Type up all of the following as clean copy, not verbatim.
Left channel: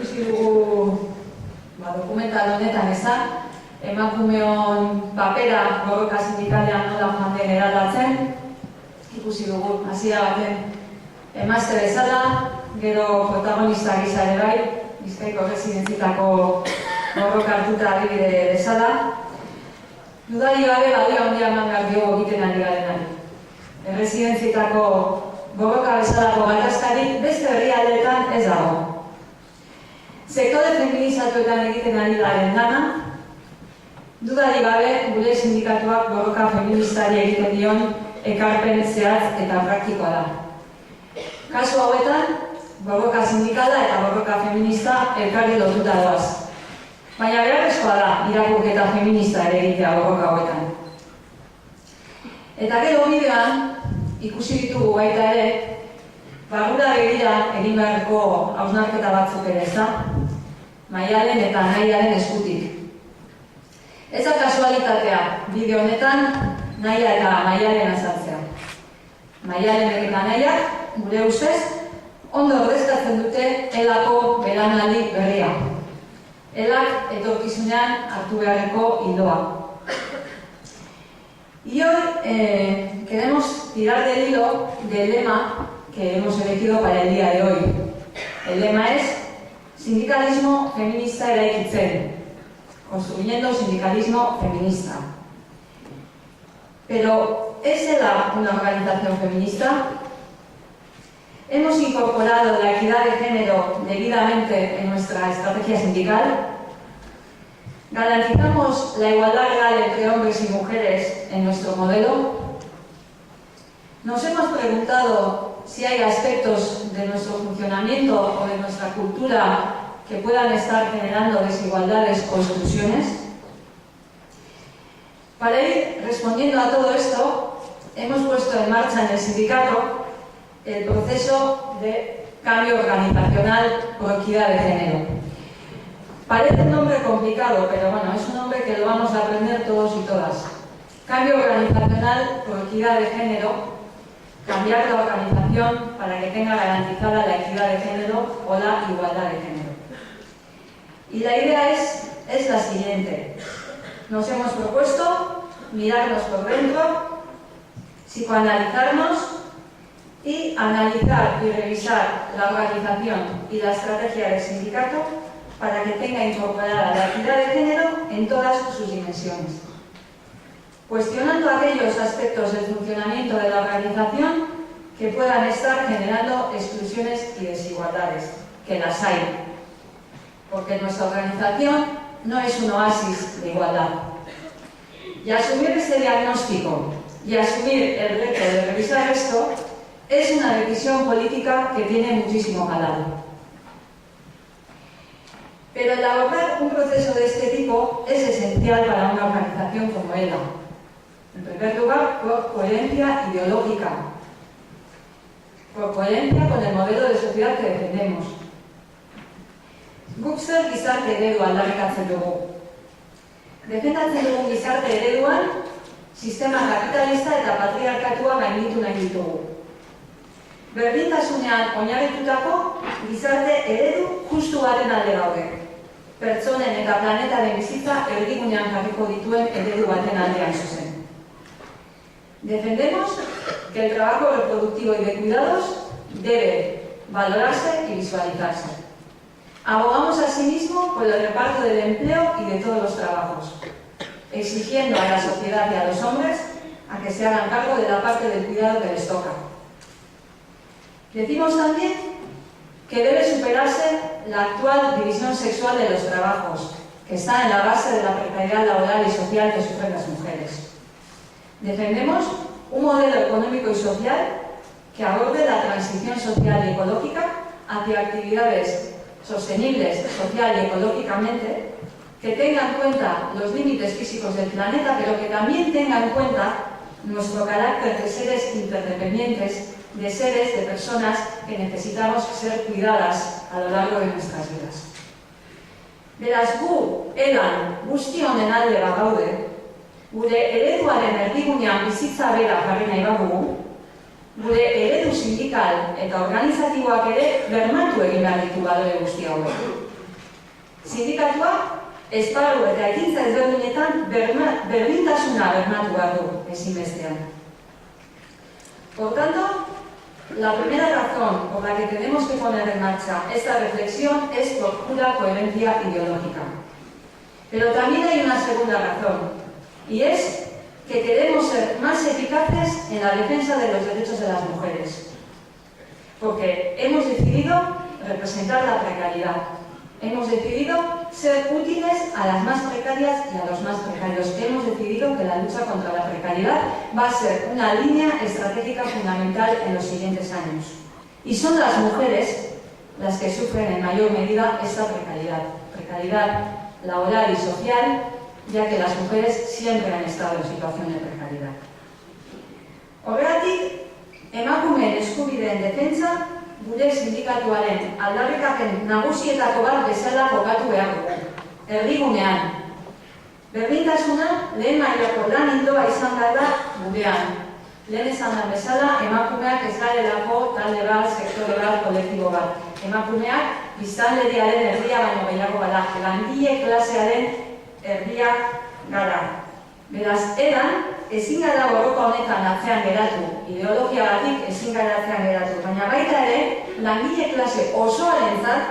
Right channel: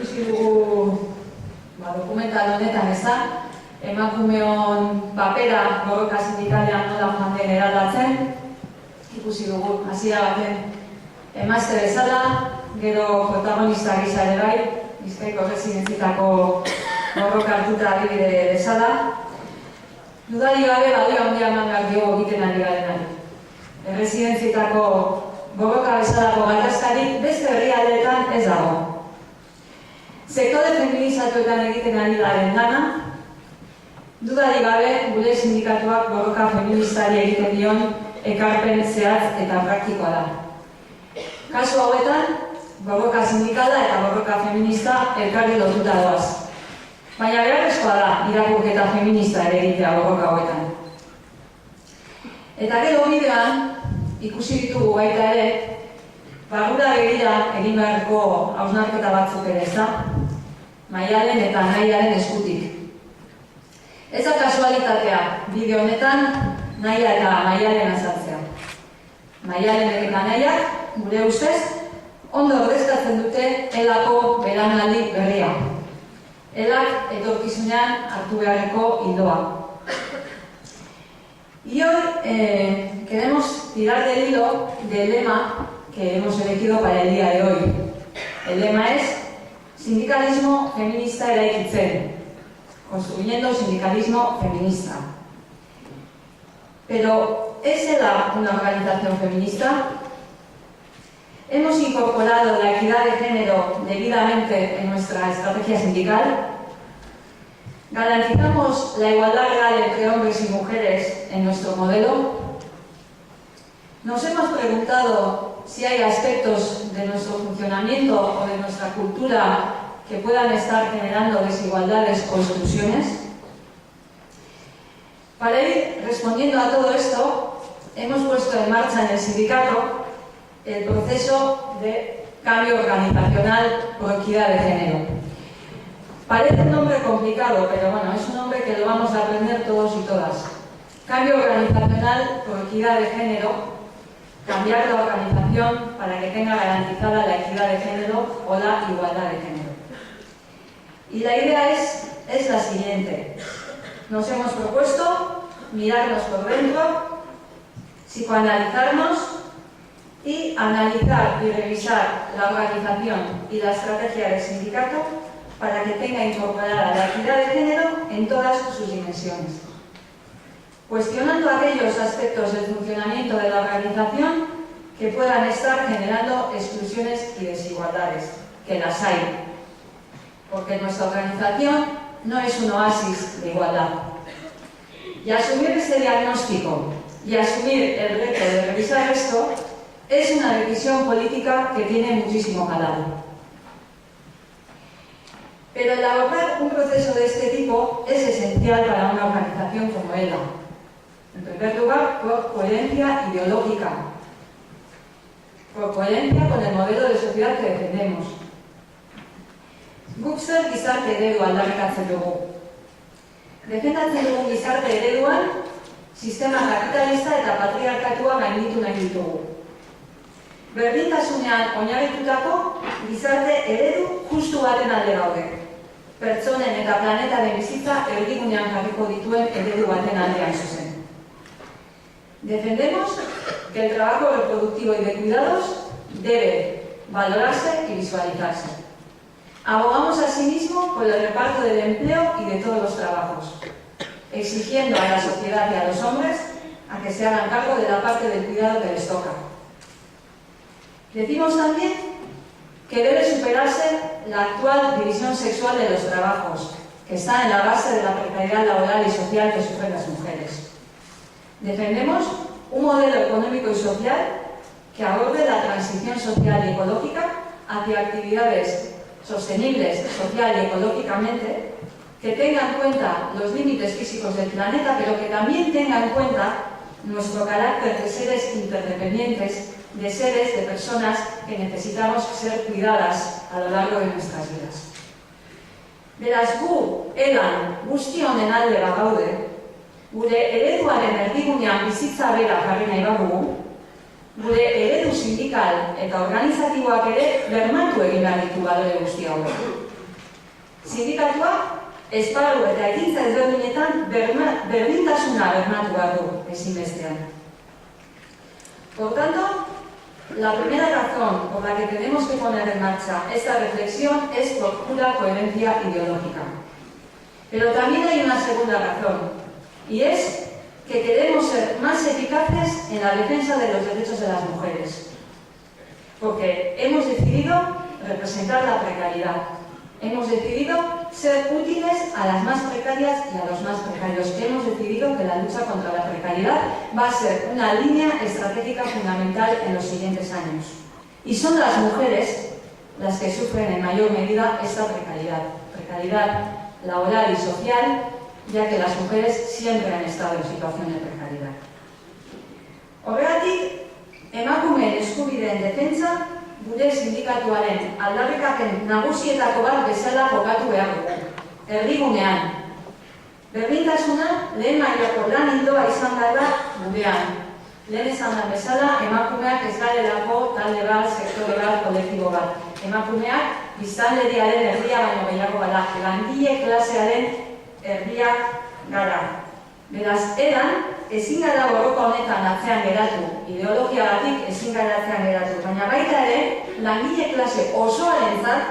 Ikusi dugu dokumental honetan emakumeon papera borroka sindikalean nola joan den eraldatzen. Ikusi dugu hasia baten emazte bezala, gero protagonista gisa ere bai, Bizkaiko erresidentzietako borroka hartuta adibide bezala. Dudari gabe balio handia eman behar diogu egiten ari garenari. Erresidentzietako borroka bezalako gatazkarik beste herrialdeetan ez dago. Sektore feminizatuetan egiten ari garen lana, dudari gabe gure sindikatuak borroka feministari egiten dion ekarpen zehatz eta praktikoa da. Kasu hauetan, borroka sindikala eta borroka feminista elkarri lotuta doaz. Baina beharrezkoa da irakurketa feminista ere egitea borroka hauetan. Eta gero bideoan ikusi ditugu baita ere, barrura begira egin beharreko hausnarketa batzuk ere ez da, Maialen eta Nahiaren eskutik. Ez da kasualitatea bideo honetan Nahia eta Maialen azaltzea. Maialen eta Nahiak, gure ustez, ondo ordezkatzen dute elako belaunaldi berria. Elak etorkizunean hartu beharreko ildoa. Y hoy queremos tirar del hilo del lema que hemos elegido para el día de hoy. El lema es Sindicalismo feminista eraikitzen, construyendo sindicalismo feminista. Pero, ¿es ELA una organización feminista? ¿Hemos incorporado la equidad de género debidamente en nuestra estrategia sindical? ¿Garantizamos la igualdad real entre hombres y mujeres en nuestro modelo? Nos hemos preguntado si hay aspectos de nuestro funcionamiento o de nuestra cultura que puedan estar generando desigualdades o exclusiones. Para ir respondiendo a todo esto, hemos puesto en marcha en el sindicato el proceso de cambio organizacional por equidad de género. Parece un nombre complicado, pero bueno, es un nombre que lo vamos a aprender todos y todas. Cambio organizacional por equidad de género. Cambiar la organización para que tenga garantizada la equidad de género o la igualdad de género. Y la idea es la siguiente. Nos hemos propuesto mirarnos por dentro, psicoanalizarnos y analizar y revisar la organización y la estrategia del sindicato para que tenga incorporada la equidad de género en todas sus dimensiones. Cuestionando aquellos aspectos del funcionamiento de la organización que puedan estar generando exclusiones y desigualdades, que las hay, porque nuestra organización no es un oasis de igualdad. Y asumir ese diagnóstico y asumir el reto de revisar esto es una decisión política que tiene muchísimo calado. Pero el abordar un proceso de este tipo es esencial para una organización como ELA. En primer lugar, por coherencia ideológica, por coherencia con el modelo de sociedad que defendemos. Guk zer gizarte eredua aldarrikatzen dugu. Defendatzen dugun gizarte ereduan, sistema kapitalista eta patriarkatua gainditu nahi ditugu. Berdintasunean oinarritutako gizarte eredu justu baten alde gaude. Pertsonen eta planetaren bizitza erdigunean jarriko dituen eredu baten aldean zuzen. Defendemos que el trabajo reproductivo y de cuidados debe valorarse y visualizarse. Abogamos asimismo por el reparto del empleo y de todos los trabajos, exigiendo a la sociedad y a los hombres a que se hagan cargo de la parte del cuidado que les toca. Decimos también que debe superarse la actual división sexual de los trabajos, que está en la base de la precariedad laboral y social que sufren las mujeres. Defendemos un modelo económico y social que aborde la transición social y ecológica hacia actividades sostenibles social y ecológicamente, que tenga en cuenta los límites físicos del planeta, pero que también tenga en cuenta nuestro carácter de seres interdependientes, de seres, de personas que necesitamos ser cuidadas a lo largo de nuestras vidas. Beraz, gu, elan, guzti honen alde bagaude, gure ereduaren erdigunean bizitza bera jarri nahi badugu, gure eredu sindikal eta organizatiboak ere bermatu egin behar ditu balore guzti hauek. Sindikatuak esparru eta ekintza ezberdinetan berdintasuna bermatu behar du ezinbestean. Por tanto, la primera razón por la que tenemos que poner en marcha esta reflexión es por pura coherencia ideológica. Pero también hay una segunda razón, y es que queremos ser más eficaces en la defensa de los derechos de las mujeres. Porque hemos decidido representar la precariedad. Hemos decidido ser útiles a las más precarias y a los más precarios. Hemos decidido que la lucha contra la precariedad va a ser una línea estratégica fundamental en los siguientes años. Y son las mujeres las que sufren en mayor medida esta precariedad laboral y social, ya que las mujeres siempre han estado en situación de precariedad. Horregatik, emakumeen eskubideen defentsa gure sindikatuaren aldarrikapen nagusietako bat bezala jokatu behar dugu. Erdigunean, berdintasuna lehen mailako lan ildoa izan gara gurean. Lehen esan da bezala, emakumeak ez garelako talde bat, sektore bat, kolektibo bat. Emakumeak biztanleriaren erdia baino gehiago gara, langile klasearen erdia gara. Beraz, edan, ezin gara borroka honetan atzean geratu, ideologiagatik ezin gara atzean geratu, baina baita ere, langile klase osoarentzat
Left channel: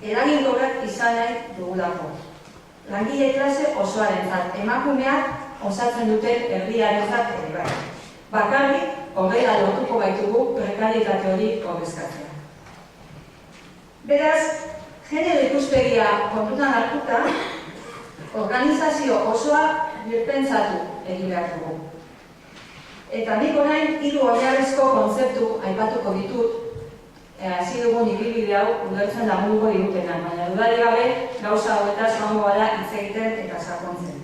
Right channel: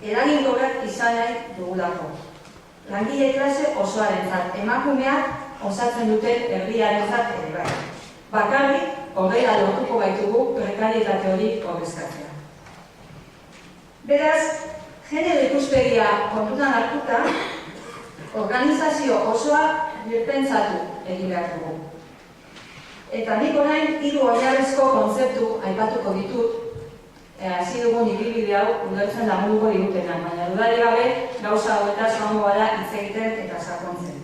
eraginkorrak izan nahi dugulako. Langile klase osoarentzat, emakumeak osatzen duten herriarentzat ere bai. Bakarrik, horrela lortuko baitugu prekarietate hori ordezkatzea. Beraz, genero ikuspegia kontutan hartuta, organizazio osoa birpentsatu egin behar dugu. Eta nik orain hiru oinarrizko kontzeptu aipatuko ditut, hasi dugun ibilbide hau ulertzen lagunduko digutenak, baina dudarik gabe gauza hauetaz joango gara hitz egiten eta sakontzen.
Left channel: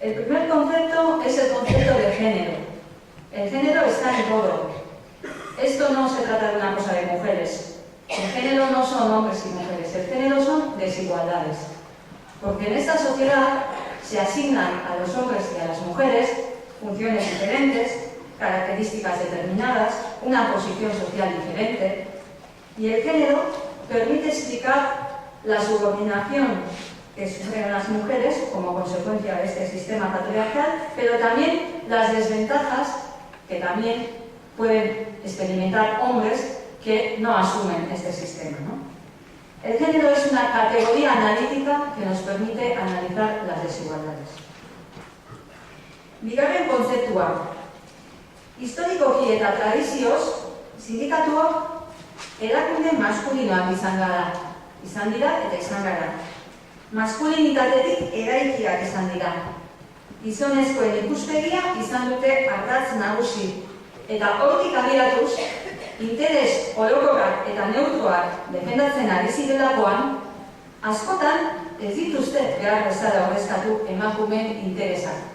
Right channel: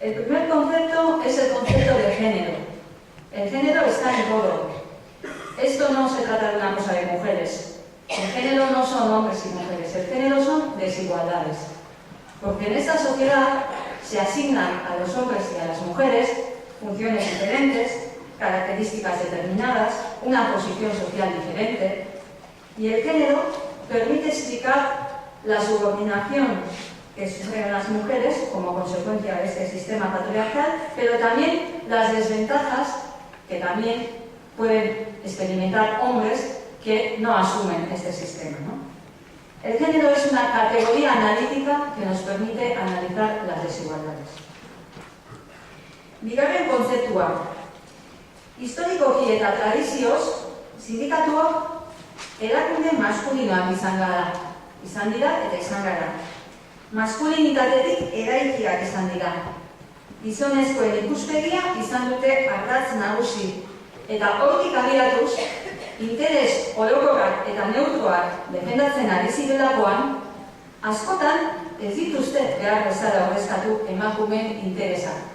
El primer concepto es el concepto de género. El género está en todo. Esto no se trata de una cosa de mujeres. El género no son hombres y mujeres, el género son desigualdades. Porque en esta sociedad se asignan a los hombres y a las mujeres funciones diferentes, características determinadas, una posición social diferente, y el género permite explicar la subordinación que sufren las mujeres como consecuencia de este sistema patriarcal, pero también las desventajas que también pueden experimentar hombres que no asumen este sistema, ¿no? El género es una categoría analítica que nos permite analizar las desigualdades. Bigarren kontzeptua. Historikoki eta tradizioz, sindikatuak erakunde maskulinoak izan dira eta izan gara. Maskulinitatetik eraikiak izan dira. Gizonezkoen ikuspegia izan dute ardatz nagusi. Eta hortik abiatuz, interes orokorrak eta neutroak defendatzen ari zirelakoan, askotan ez dituzte behar bezala ordezkatu emakumeen interesak.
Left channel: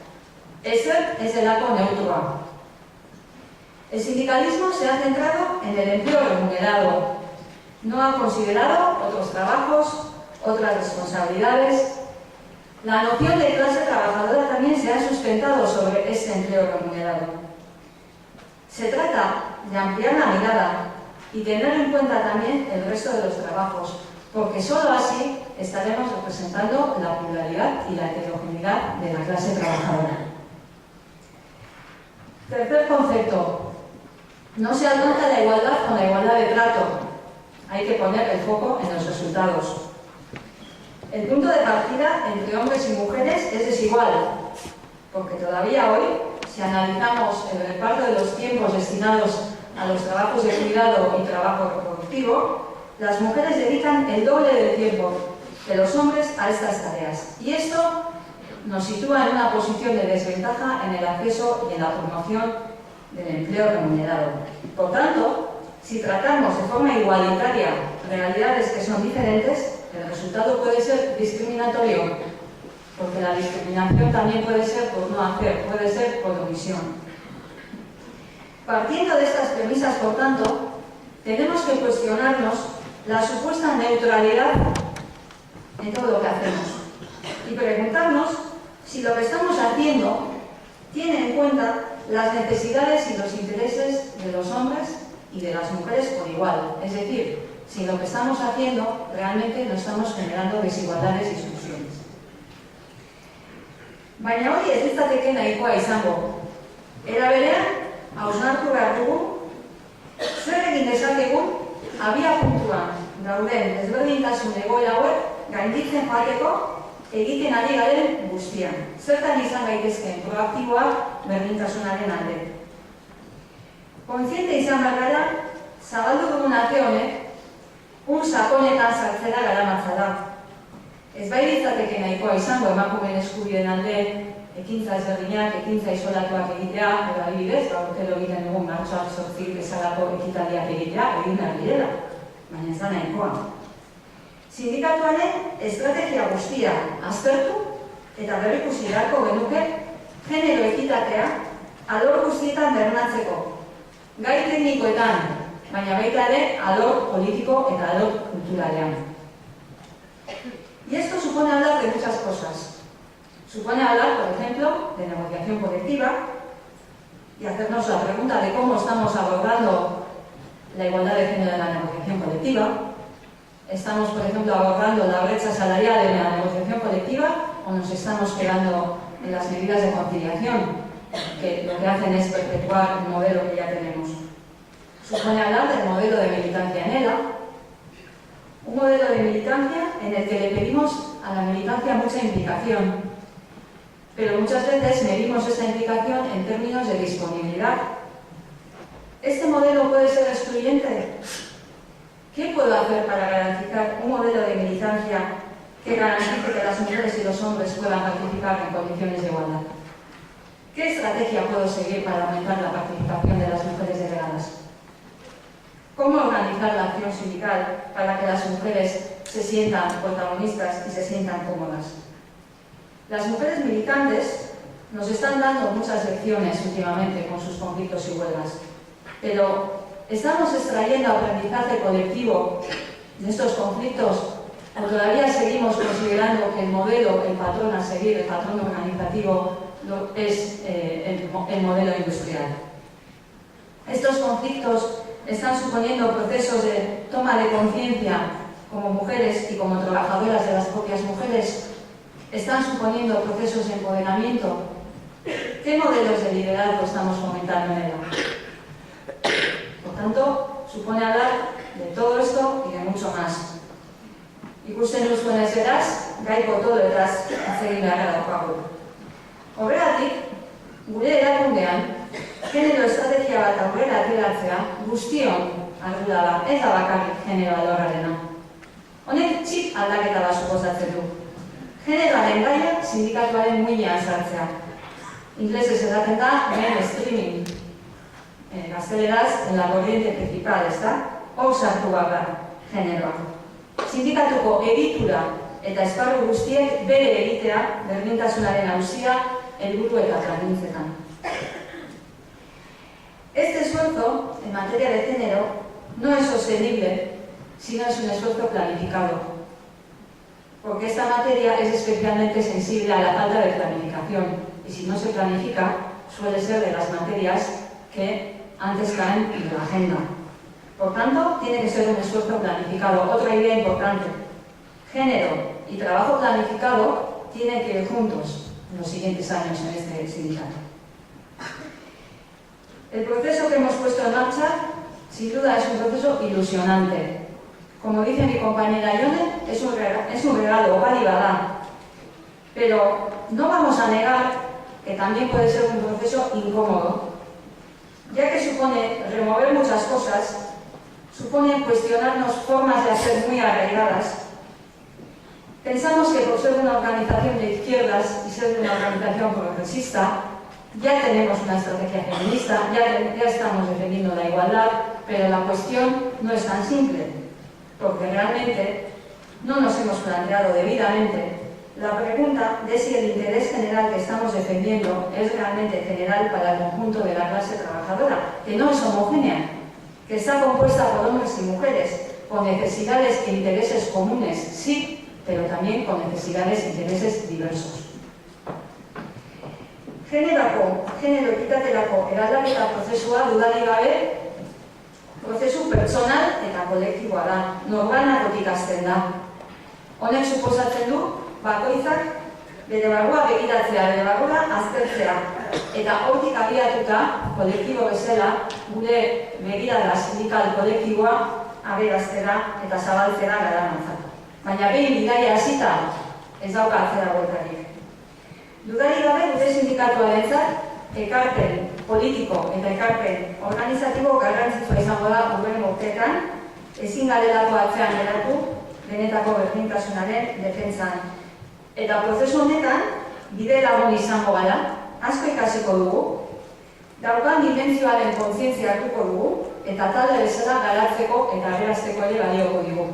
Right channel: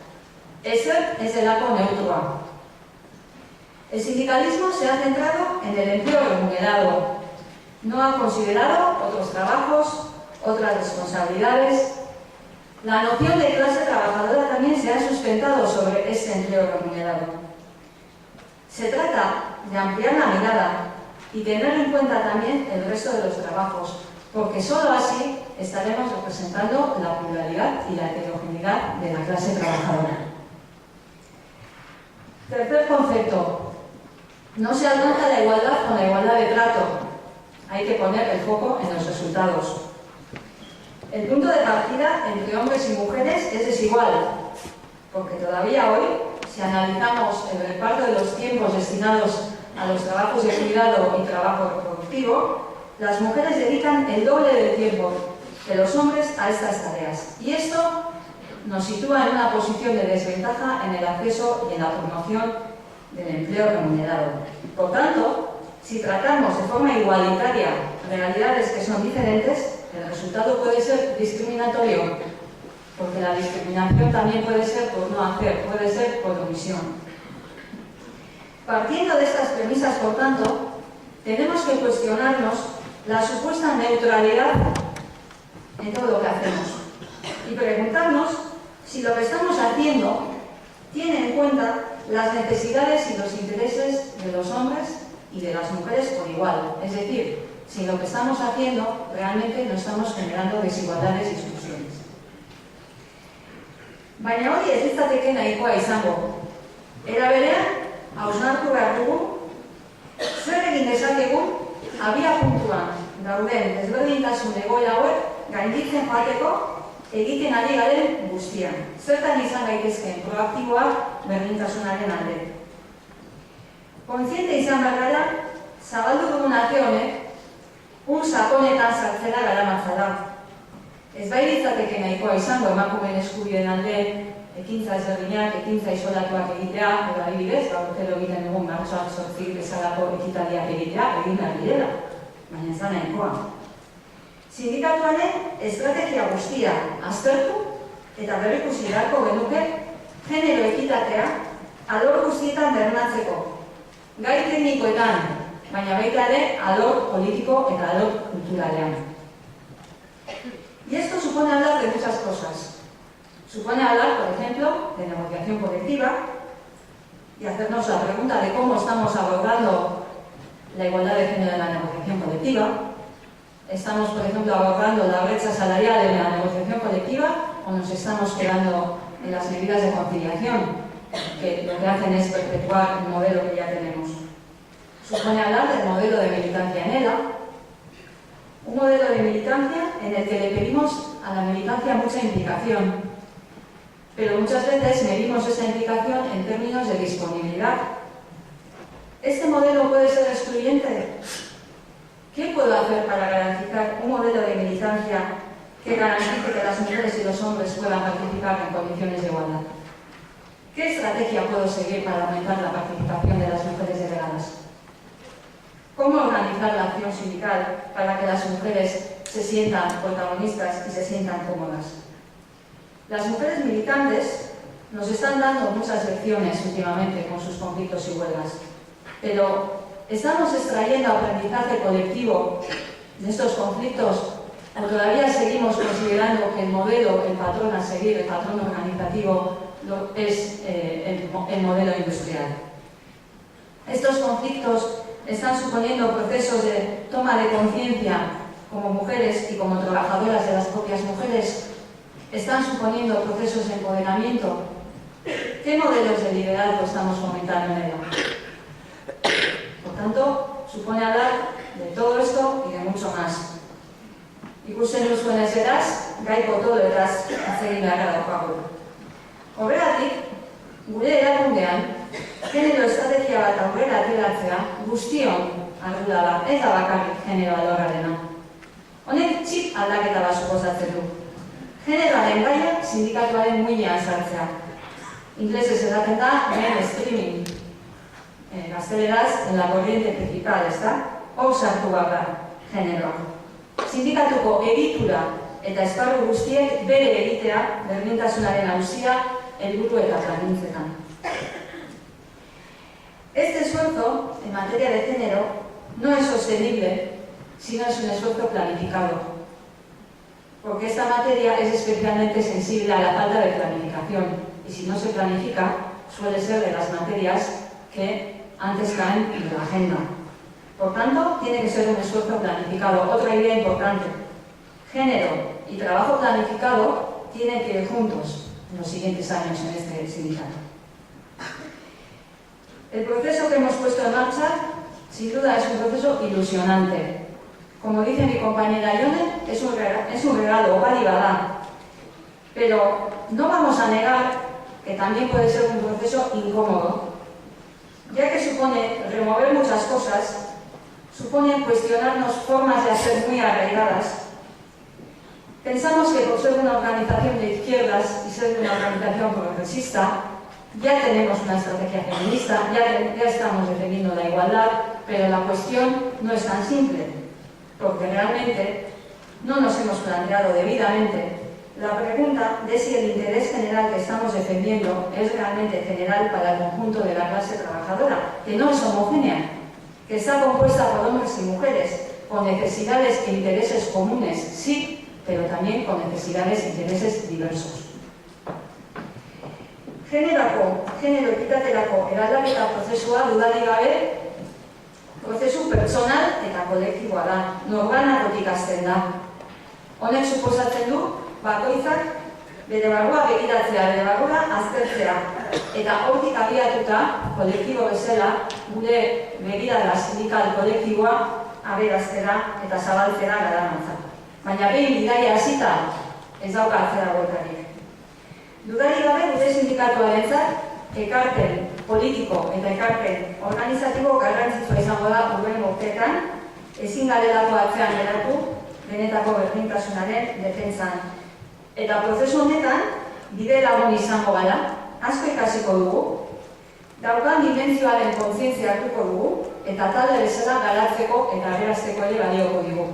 Ezer ez delako neutroa. El sindicalismo se ha centrado en el empleo remunerado. No ha considerado otros trabajos, otras responsabilidades. La noción de clase trabajadora también se ha sustentado sobre este empleo remunerado. Se trata de ampliar la mirada y tener en cuenta también el resto de los trabajos, porque solo así estaremos representando la pluralidad y la heterogeneidad de la clase trabajadora. Tercer concepto. No se alcanza la igualdad con la igualdad de trato. Hay que poner el foco en los resultados. El punto de partida entre hombres y mujeres es desigual, porque todavía hoy, si analizamos el reparto de los tiempos destinados a los trabajos de cuidado y trabajo reproductivo, las mujeres dedican el doble del tiempo de los hombres a estas tareas. Y esto nos sitúa en una posición de desventaja en el acceso y en la promoción del empleo remunerado. Por tanto, si tratamos de forma igualitaria realidades que son diferentes, el resultado puede ser discriminatorio, porque la discriminación también puede ser por no hacer, puede ser por omisión. Partiendo de estas premisas, por tanto, tenemos que cuestionarnos la supuesta neutralidad en todo lo que hacemos y preguntarnos si lo que estamos haciendo tiene en cuenta las necesidades y los intereses de los hombres y de las mujeres por igual. Es decir, si lo que estamos haciendo realmente no estamos generando desigualdades y exclusiones. Baina hori ez litzateke nahikoa izango. Era berean, hausnartu behar dugu, zer egin dezakegun abiapuntuan dauden desberdintasun egoera hauek gainditzen joateko egiten ari garen guztian. Zertan izan gaitezkeen proaktiboak berdintasunaren alde. Kontziente izan behar gara, zabaldu dugun ate honek, sakonetan sartzera garamatza da. Ez bai litzateke nahikoa izango emakumeen eskubideen alde ekintza ezberdinak, ekintza isolatuak egitea, edo adibidez, urtero egiten dugun martxoak 8 bezalako ekitaldiak egitea, egin behar direla, baina ez da nahikoa. Sindikatuaren estrategia guztia aztertu eta berrikusi beharko genuke genero ekitatea alor guztietan bermatzeko. Gai teknikoetan, baina baita ere alor politiko eta alor kulturalean. Y esto supone hablar de muchas cosas. Supone hablar, por ejemplo, de negociación colectiva y hacernos la pregunta de cómo estamos abordando la igualdad de género en la negociación colectiva. ¿Estamos, por ejemplo, abordando la brecha salarial en la negociación colectiva o nos estamos quedando en las medidas de conciliación, que lo que hacen es perpetuar el modelo que ya tenemos? Supone hablar del modelo de militancia en ELA, un modelo de militancia en el que le pedimos a la militancia mucha implicación, pero muchas veces medimos esa implicación en términos de disponibilidad. ¿Este modelo puede ser excluyente? ¿Qué puedo hacer para garantizar un modelo de militancia que garantice que las mujeres y los hombres puedan participar en condiciones de igualdad? ¿Qué estrategia puedo seguir para aumentar la participación de las mujeres delegadas? ¿Cómo organizar la acción sindical para que las mujeres se sientan protagonistas y se sientan cómodas? Las mujeres militantes nos están dando muchas lecciones últimamente con sus conflictos y huelgas, pero ¿estamos extrayendo aprendizaje colectivo de estos conflictos o todavía seguimos considerando que el modelo, el patrón a seguir, el patrón organizativo es el modelo industrial? Estos conflictos están suponiendo procesos de toma de conciencia como mujeres y como trabajadoras de las propias mujeres. Están suponiendo procesos de empoderamiento. ¿Qué modelos de liderazgo estamos fomentando en ella? Por tanto, supone hablar de todo esto y de mucho más. Ikusten duzuenez beraz, gai potoloetaz hitz egin beharra daukagu. Horregatik, gure erakundean, genero estrategia bat aurrera ateratzea guztion ardura da, ez da bakarrik genero alorrarena. Honek txip aldaketa bat suposatzen du. Generoaren gaia sindikatuaren muinean sartzea. Inglesez esaten da mainstreaming. Gazteleraz, en la corriente principal, ezta? Hor sartu gara generoa. Sindikatuko egitura eta esparru guztiek bere egitea berdintasunaren auzia helburu eta plangintzetan. Este esfuerzo en materia de género no es sostenible si no es un esfuerzo planificado, porque esta materia es especialmente sensible a la falta de planificación y si no se planifica suele ser de las materias que antes caen en la agenda. Por tanto, tiene que ser un esfuerzo planificado. Otra idea importante, género y trabajo planificado tienen que ir juntos en los siguientes años en este sindicato. El proceso que hemos puesto en marcha, sin duda, es un proceso ilusionante. Como dice mi compañera Ione, es un regalo, bada. Pero no vamos a negar que también puede ser un proceso incómodo, ya que supone remover muchas cosas, supone cuestionarnos formas de hacer muy arraigadas. Pensamos que por ser una organización de izquierdas y ser una organización progresista, ya tenemos una estrategia feminista, ya estamos defendiendo la igualdad, pero la cuestión no es tan simple, porque realmente no nos hemos planteado debidamente la pregunta de si el interés general que estamos defendiendo es realmente general para el conjunto de la clase trabajadora, que no es homogénea, que está compuesta por hombres y mujeres, con necesidades e intereses comunes, sí, pero también con necesidades e intereses diversos. genero ekitaterako eraldaketa prozesua dudarik gabe prozesu pertsonal eta kolektiboa da, norbanakotik hasten da. Honek suposatzen du, bakoitzak bere barrua begiratzea, bere barrua aztertzea, eta hortik abiatuta, kolektibo bezala, gure begirada sindikal kolektiboa aberaztera eta zabaltzera garamatza. Baina behin bidaia hasita ez dauka atzera bueltarik. Dudarik gabe gure sindikatuarentzat ekarpen politiko eta ekarpen organizatibo garrantzitsua izango da urren urteetan, ezin garelako atzean geratu benetako berdintasunaren defentsan. Eta prozesu honetan, bide lagun izango gara, asko ikasiko dugu, daukan dimentsioaren kontzientzia hartuko dugu, eta talde bezala garatzeko eta aberazteko ere balioko digu.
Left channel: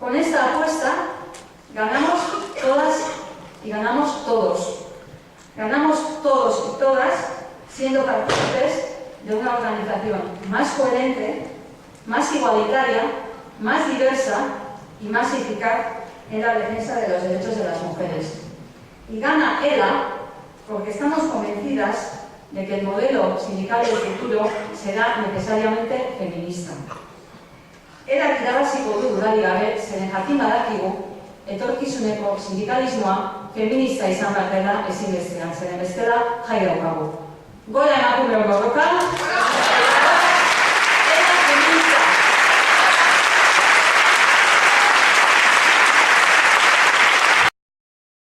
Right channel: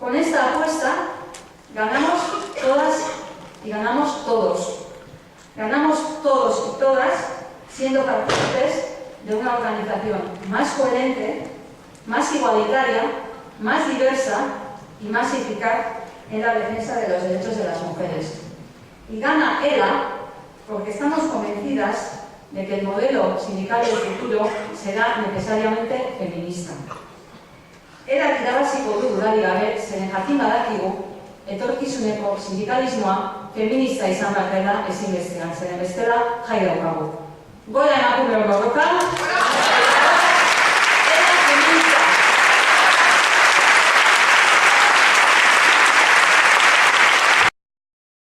Con esta apuesta, ganamos todas y ganamos todos. Ganamos todos y todas siendo partícipes de una organización más coherente, más igualitaria, más diversa y más eficaz en la defensa de los derechos de las mujeres. Y gana ELA porque estamos convencidas de que el modelo sindical del futuro será necesariamente feminista. ELA irabaziko du dudarik gabe, zeren jakin badakigu, etorkizuneko sindikalismoa feminista izan behar dela ezinbestean, zeren bestela jai daukagu. Gora emakumeok borroka!